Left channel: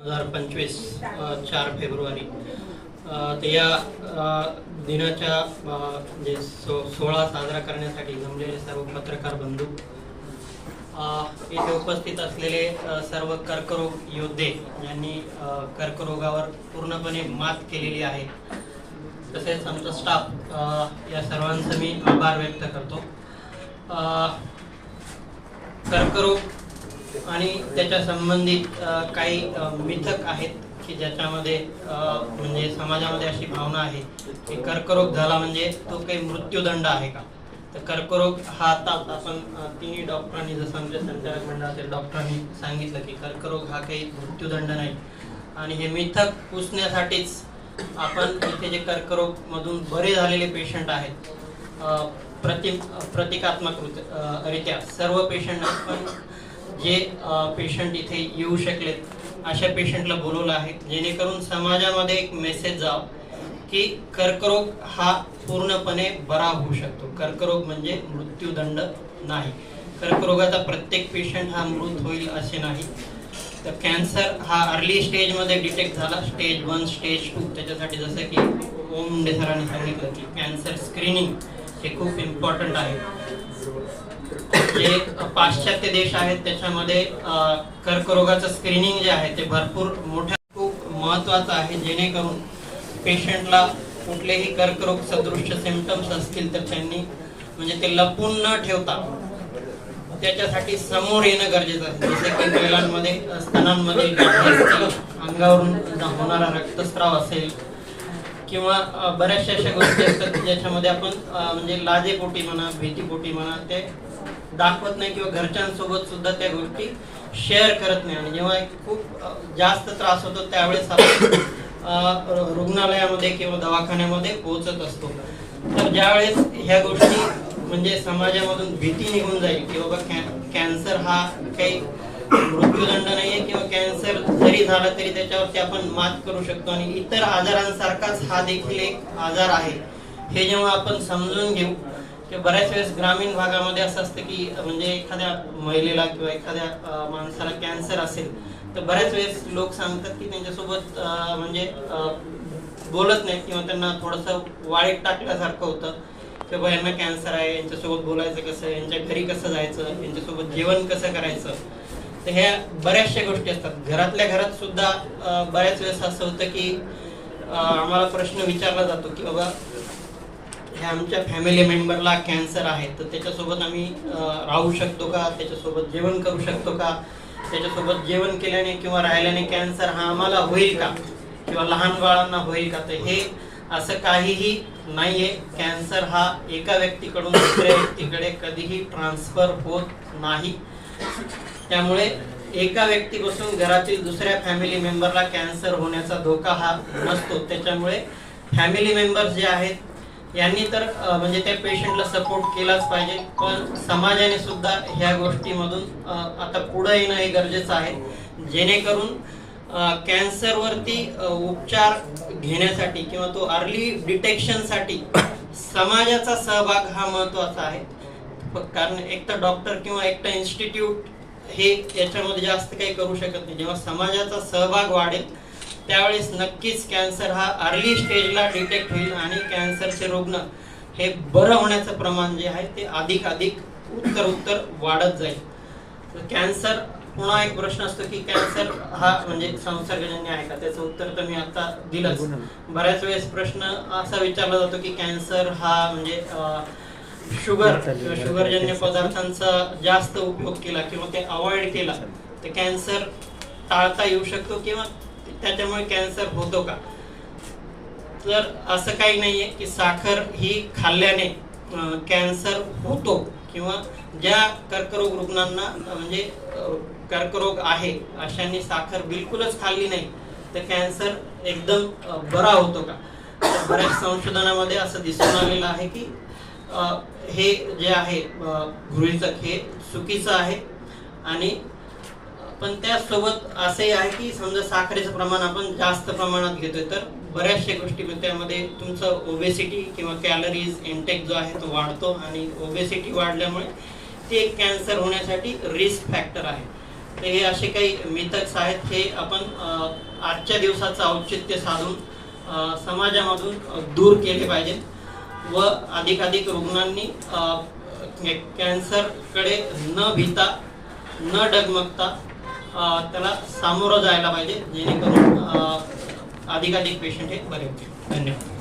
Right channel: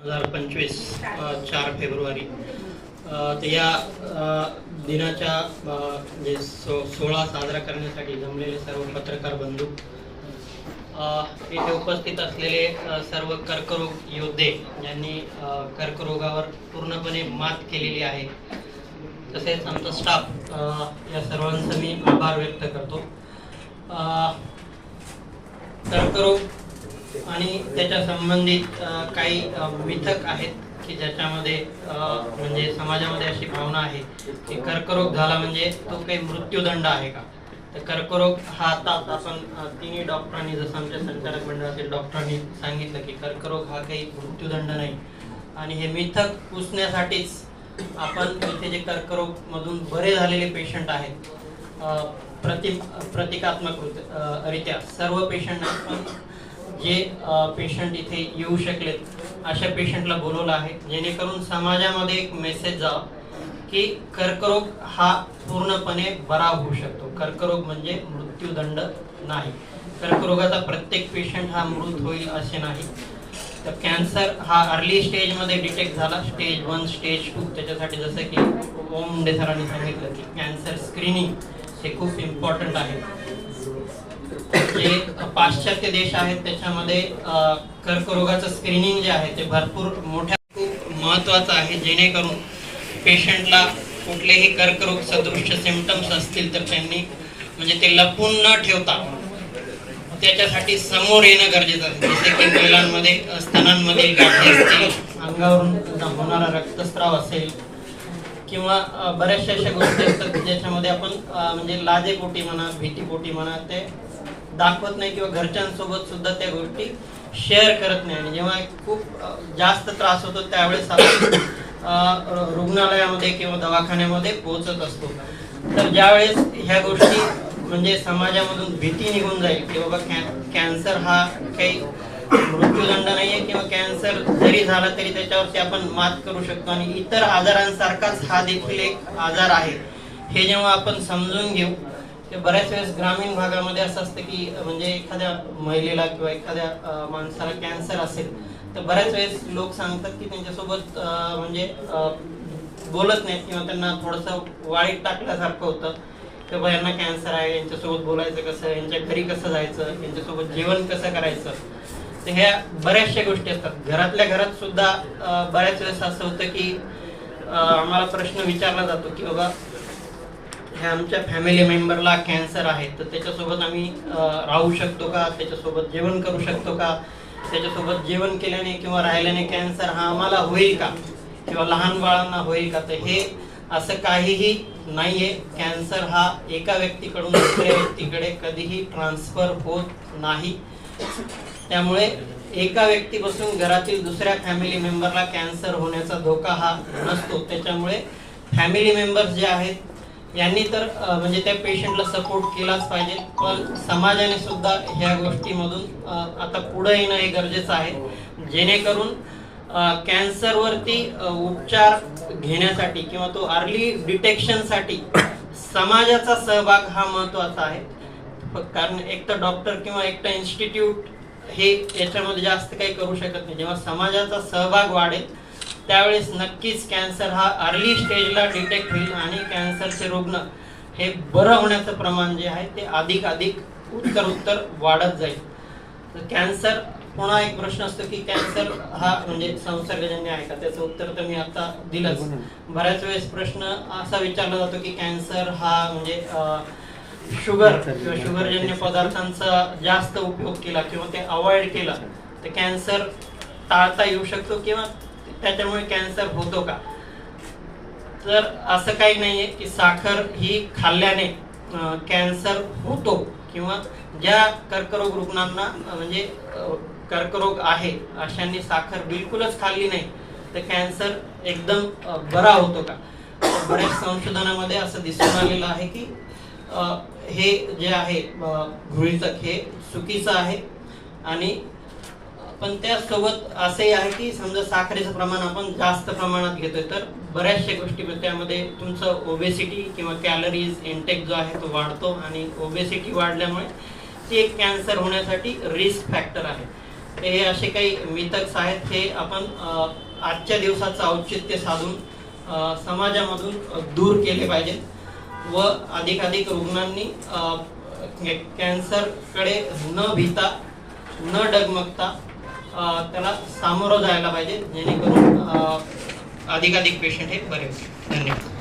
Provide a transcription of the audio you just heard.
2025 4 February तर या दिनाच्या जे 16 साजरा करण्यासाठी जमलेले सर्व पत्रकार बंधू, येथे उपस्थित असलेले सर्व कर्करोग योद्धे ज्यांनी कर्करोगावर पूर्णपणे मात केलेली आहे, तसेच आमचा स्टाफ, या सर्वांचा मी आभार व्यक्त करतो. कर्करोग आणि त्याच्या संबंधित काही मिथक आहेत की ज्याच्यामध्ये म्हणजे समाजामध्ये अशी भावना आहे की कर्करोग झाला म्हणजे तो काही मृत्यूदंड आहे का. तर कर्करोग हा आता आपण तिन्ही डॉक्टरांनी, जसं आमच्या संचालक मंडळातील डॉक्टरांनी सांगितलं की कर्करोग हा काही मृत्यूदंड नाही. आणि हे मिथक पुसण्यासाठीच आपण इथे जे कर्करोग मधून बरे झालेले पेशंट आहेत, प्रतिकात्मक रित्या सर्व पेशंट, पण जे पेशंट इथे येऊ शकलेत अशा पेशंटला बोलवलं आहे, जेणेकरून समाजामध्ये एक मेसेज जावं की कर्करोग हा पूर्णपणे बरा होऊ शकतो. कर्करोग म्हणजे मृत्यूदंड नाही. कर्करोगाचा प्रत्येक पेशंट हा मृत होईल असे नाही. तर कॅन्सर हा अर्ली स्टेजमध्ये डिटेक्ट झाला, स्टेज 1, स्टेज 2. त्याच्यासाठी जसं की ओम मुंडे सरांनी सांगितलं की कॅन्सर स्क्रीनिंग हे खूप इम्पॉर्टंट आहे. जे पाश्चात्य देश आहेत त्याच्यामध्ये कर्करोगाचं स्क्रीनिंग जे आहे ते भरपूर मोठ्या खूप महत्त्वाचं आहे, जेणेकरून पेशंटला कुठलेही कर्करोग सदृश सिम्पटम्स असतील तर त्यांनी म्हणजे ते लपून न ठेवता त्याच्यासाठी समोर येणं गरजेचं आहे. जसे की महिलांमध्ये स्तनांमधील गाठी असतील, अंगावरून होणारा रक्तस्राव असेल, किंवा बऱ्याचशा अशा गोष्टी असतात ज्याच्यामध्ये आपण म्हणजे लाजेपोटी म्हणा, भीतीपोटी म्हणा, ते दाखवत नाही किंवा घरच्यांसोबत सुद्धा त्या गोष्टी शेअर करत नाही. आणि जेव्हा खूप जास्त त्रास होतो त्यावेळेस आपण रुग्णालयामध्ये किंवा दवाखान्यामध्ये पोहोचत असतो. तर ज्यावेळेस ह्या गोष्टी म्हणजे समाजामधून भीती निघून जाईल की बाबा कॅन्सर हा काही मृत्यूदंड नाहीये, किंवा कॅन्सर जरी झाला तरी त्याच्यावरती आपण मात करू शकतो आणि इतर आजारांसारखाच हा देखील एक आजार आहे, हे जेव्हा आपण समजून घेऊ. ते बऱ्याच वेळेस ग्रामीण भागामध्ये असं असतं की म्हणजे एखाद्या महिलेला किंवा एखाद्या माणसाला कॅन्सर असेल तर बऱ्याच वेळेस लोक सांगतात की त्यांच्यासोबत म्हणजे बोलत नाहीत किंवा त्यांना थोडंसं वाळीत टाकल्यासारखं होतं की बाबा यांना कॅन्सर आहे, यांच्यासोबत बोलायचं कसं, यांच्या घरी कसं जायचं, यांच्यासोबत जेवण कसं करायचं. तर ह्या बऱ्याचशा गोष्टी असतात. घरातल्या घरात सुद्धा बऱ्याच वेळेस असं होतं की आम्हाला प्रश्न विचारला जातो की बाबा ह्या आमच्या फॅमिली मेंबरला कॅन्सर आहे, तर त्याच्यासोबत आम्ही राहू शकतो का, त्याच्यासोबत जेवण करू शकतो का, त्याच्यासोबत जेवण केल्याने किंवा राहिल्याने कॅन्सर हा आम्हाला होईल का, किंवा लहान बाळांना होईल का. तर हे असं काहीही नाहीये. कॅन्सर हा एका व्यक्तीकडून दुसऱ्या व्यक्तीकडे कधीही ट्रान्सफर होत नाही. त्यामुळे एका व्यक्तीपासून घरातील दुसऱ्या फॅमिली मेंबरला कॅन्सर होण्याचा धोका हा नसतो. त्याच्यामुळे फॅमिली मेंबर्स जे आहेत यांनी तर म्हणजे त्या पेशंटला सपोर्ट केलाच पाहिजे, पण समाजाने सुद्धा ह्या गोष्टीमधून आता पुढे येणं हे गरजेचं आहे, जेणेकरून कॅन्सरवरती उपचार घेण्यासाठी किंवा तो अर्ली डिटेक्शनसाठी समाजाचा सहभाग हा महत्त्वाचा आहे. कारण एकटं डॉक्टर किंवा एकटं इन्स्टिट्यूट हे याच्यामध्ये जास्त काही करू शकत नाही. जेव्हा समाजाचा सहभाग वाढेल त्यावेळेस नक्कीच कॅन्सर हा अर्ली स्टेजला डिटेक्ट होईल आणि कॅन्सरचे रुग्ण हे बरं होण्याचं प्रमाण जे आहे ते अधिक उत्तर वाढत जाईल. तर कॅन्सर, पुन्हा एक प्रश्न असतो की कॅन्सर हा म्हणजे संसर्गजन्य आहे का, त्याचं उत्तर तर मी आता दिलंच. बऱ्याच वेळेस प्रश्न असा विचारला जातो की कॅन्सर हा म्हणजे शुगर किंवा शुगरजन्य पदार्थांचा जास्त उपयोग केला किंवा ते अवॉइड केला तर कॅन्सर टाळता येऊ शकतो किंवा त्याच्यामुळे कॅन्सर होतो का. तर असं काही नाहीये की साखर ही खाल्ल्याने कॅन्सर होतो, किंवा ज्या कर्करोग रुग्णांना म्हणजे कर्करोग आहे अशांनी साखर बिलकुलच खाल्ली नाही तर कॅन्सर एकदम बरा होतो का. तर बऱ्याच संशोधनामध्ये असं दिसून आलेलं आहे की हे जे आहे गृहीतक हे चुकीचं आहे. आणि पण त्यासोबत असंही आहे की समजा साखरेचं प्रमाण आपण जास्त प्रमाणात घेतोय तर बऱ्याचशा गोष्टी त्यामध्ये तुमचं ओबेसिटी किंवा कॅलरीज इंटेक जो आहे तो वाढतो, आणि ओबेसिटी वाढल्यामुळे ते एक कॅन्सर होण्यासाठी रिस्क फॅक्टर आहे. तर हे असे काही मिथक्स आहेत, हे आपण आजच्या दिवसाचं औचित्य साधून समाजामधून दूर केले पाहिजे व अधिकाधिक रुग्णांनी कॅन्सरकडे न भीता न डगमगता त्याला सामोरं जायला पाहिजे, जेणेकरून अधिकाधिक पेशंट हे बरे होतील. धन्यवाद.